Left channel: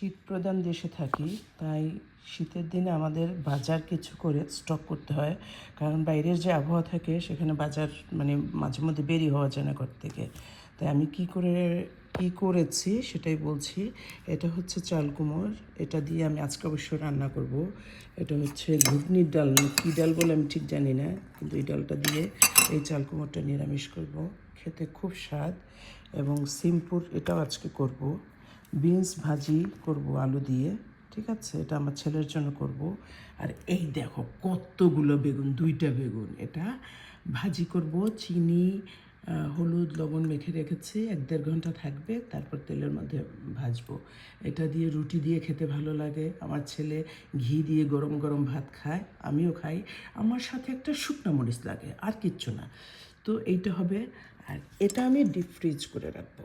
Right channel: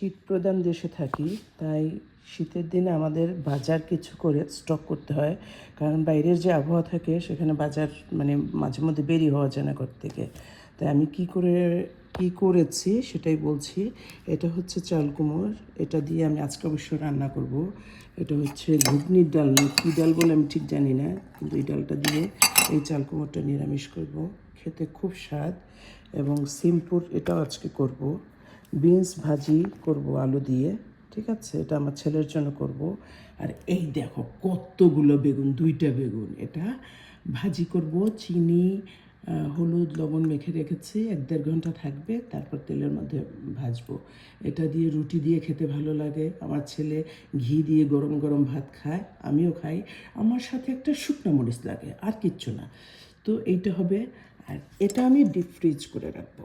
শীত প্রধান দেশে থাকি, তাই শীতের দিনে আমাদের বাজার কিছু করে স্টক করতে হয়। কারণ বাইরের যে আবহাওয়া থাকে, সেখানে বাজার মানে মাঝে মধ্যে বেরিয়ে হওয়া যায় না ঘর থেকে। তাই আমি কি করে, কি করেছি সেটাই বলছি। এটা হচ্ছে চাল কুমড়। এটা দিয়ে আমি আজকে অবশ্যই রান্না করব। এটা হচ্ছে ঘুগনির ডাল। কী ডাল বলে আমি ঠিক জানি না, কিন্তু এই ডালটা দিয়ে এই চাল কুমড়টা নিরামিষ করব। খেতে খুব স্বাদ এবং সিম্পুল এটাও আজকে করব। বিনস ভাজি করব আলু দিয়ে, ঠিক আছে? এটা আমার ছেলের জন্য করব। আর এই দেখো কতগুলো বেগুন, দুইটা বেগুন। এটা ভাজি করব, চিনি হলুদ, লবণ মেখে রেখেছি, এক দেড় ঘণ্টা থাকবে, তারপর তেলের মধ্যে ভাজবো। এটা দিয়ে রুটি দিয়ে খেতে ভালো লাগে। আমার ছেলে ঘি দিয়ে গরম গরম ভাত খায়, আমিও খাই। আমার সাথে একটা শুকনো মরিচ লাগে, আর কিচ্ছু না। তো এইটা হবে, আর এটা আমি ডিপ ফ্রিজ করে রাখব।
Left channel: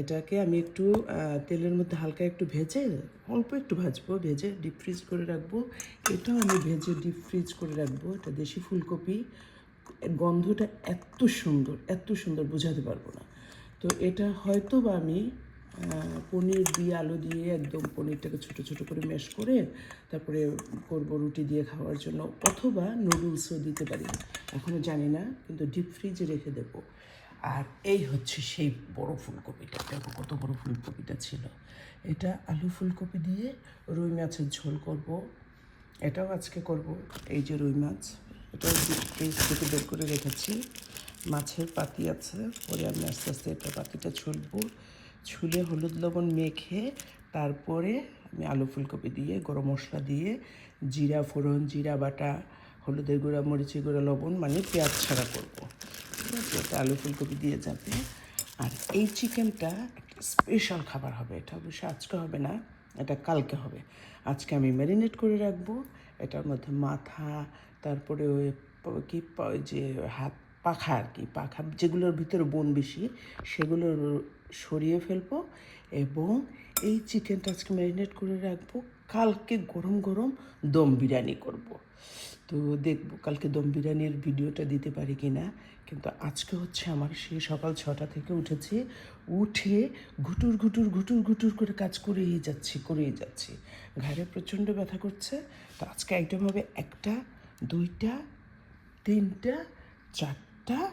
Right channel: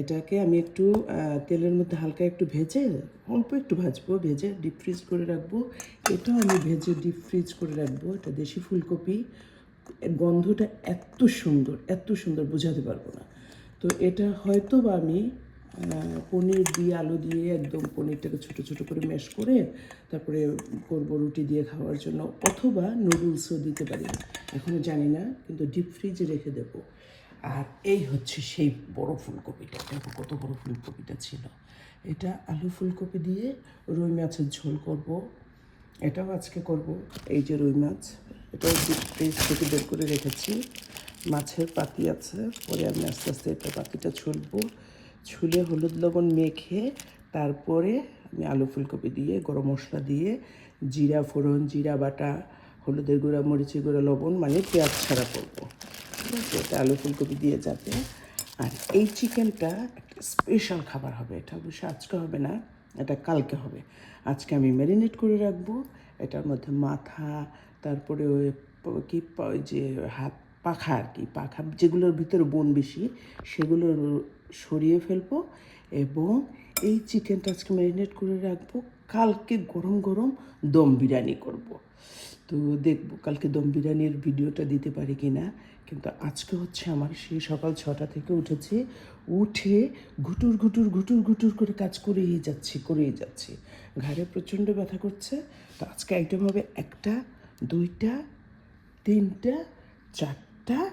এটাকে আমি একটু তেলের মধ্যে হালকা একটু ভেজে, অল্প একটু ভাজবো, ভেজে ডিপ ফ্রিজ করে রাখব। এটাও আমি ভেজে ডিপ ফ্রিজ করে রাখব, এটা দেশি ফুলকপি। গন্ধটা এত সুন্দর এত সুন্দর, বোঝাতে পারব না। তো এটা হয়তো বা আমি পনির দিয়ে আলু দিয়ে একদম পনিরটাকে ছোটো ছোটো করে ম্যাশ করে তারপরে করব রুটি দিয়ে খাওয়ার জন্য, অথবা নুডলসও দিতে পারি। এখনও জানি না, কিন্তু ডিপ ফ্রিজে রেখে দেবো। আর এই হচ্ছে সেই বড় ফুলকপিটা দেখো কত বড় ফুলকপিটা ছিল। এটা আলু ফুলকপি দিয়ে রুই মাছের ঝোল করব। এটাও আজকে করব, এই যে রুই মাছ। এটাও ফ্রিজ থেকে বের করে রেখেছি। মাছের পাতি আছে, পরে আমি আস্তে আস্তে একটু পাতিটা ছুলবো। ছুলে হলুদ লবণ মেখে তারপরে আমি আলু ফুলকপি দিয়ে, গরম মশলা দিয়ে, জিরা ফোড়ন, জিরা বাটা, হলুদের গুঁড়া, মরিচের গুঁড়া, লবণ মানে পেঁয়াজ ছাড়া করব। আলু ফুলকপি দিয়ে যাতে আর এই চিকেনটা একটা স্পেশাল খাবার হবে। এটা অবশ্যই আজকে হবে না, এটা কালকে হবে। আজকে আমি ম্যারিনেট করে রাখব। এটার মধ্যে মাথা, তারপরে ওই কি যে হাত, পাখা আর কি, পাখা, যেগুলোর ভিতরে বন বেশি সেগুলো সরিয়ে ফেলব এবং এই চিকেনটা আজকে ম্যারিনেট করে রাখব। কালকে গরম গরম দম বিরিয়ানি করব। তো দেখব কালকে দম বিরিয়ানির ভিডিওটা দিতে পারি কি না কিন্তু আজকে হচ্ছে আমার সেই সকাল ছটা থেকে উঠেছি, উঠে গুটুর গুটুর গুটুর গুটুর করে কাজ করেই যাচ্ছি করেই যাচ্ছি। ঘাড়ে প্রচণ্ড ব্যথা করছে, তো আজকে আইটেম হবে একটা, দুইটা, তিনটা, চারটা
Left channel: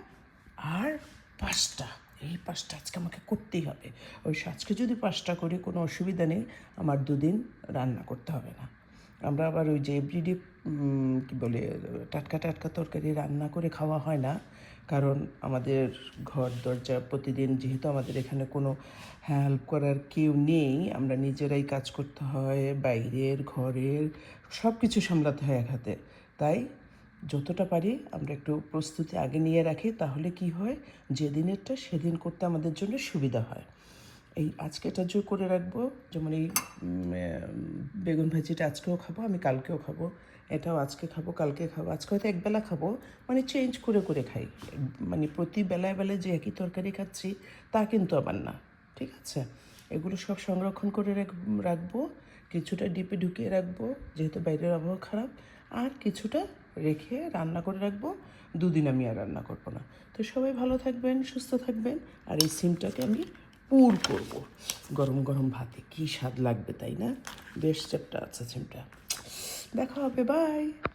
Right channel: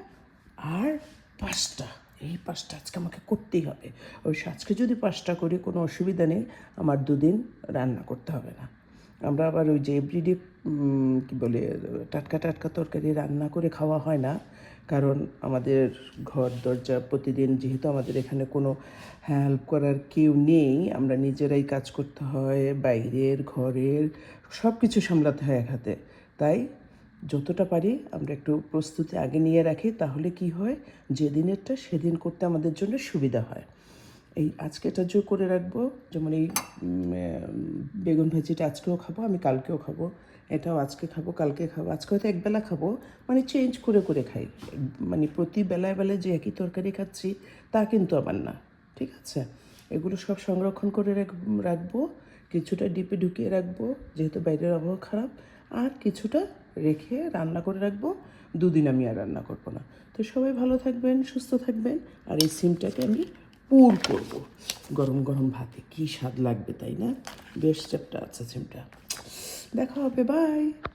আর পাঁচটা। এই পাঁচটা আজকে আমাকে করতেই হবে। অবশ্য আজকে যদি পাঁচটা করি কোনো অসুবিধা নেই, আমার দুদিন রান্না করতে হবে না। আমরা আবার ওই যে এভরিডে কী বলে, টাটকা টাটকা তরকারি রান্না করে খাওয়া হয় না। কারণ আমাদের ঘর, দরজা প্রতিদিন যেহেতু আমাদের এখানে কোনো হেল্প করার কেউ নেই, আমরা নিজেরাই কাজ করতে হয়, বাইরের, ঘরের সব কিছু সামলাতে হয় এক হাতে। তাই যতটা পারি আমরা একটু প্রস্তুতি আগে নিয়ে রাখি, তাহলে কি হয়? যেদিনেরটা সেদিন করতে আমাদের জন্য সুবিধা হয়। এই আজকেটা যোগ করে রাখব, যেমন এই বেগুন ভাজিটা আজকেও খাব, আমি কালকেও খাব। এটাও আজকে খাব, কালকে খাব, আজকে হয়তো একবেলা খাব মানে চেঞ্জ করে করে খাই। মানে প্রতি বেলায় বেলায় যে একই তরকারি খাচ্ছি, তা কিন্তু আবার না, ঠিক আছে? এগুলো সব সংরক্ষণ করে রাখ- রাখব, কিছুটা ডিপে ঢুকিয়ে রাখব, যেহেতু বাইরের আবহাওয়া খারাপ, আর কিছুটা রেখে রান্না করে রাখব, দুদিন আমি আর রান্না করব না। তো সবাই ভালো থাকবেন, সুস্থ থাকবেন, আর এই সিমটাকে আমি পুর করব। গরম গরম ভাতে, কী স্বাদ লাগবে তাই না? বেশ চ্যাপটা আছে সিমটা। দেখা হবে বাই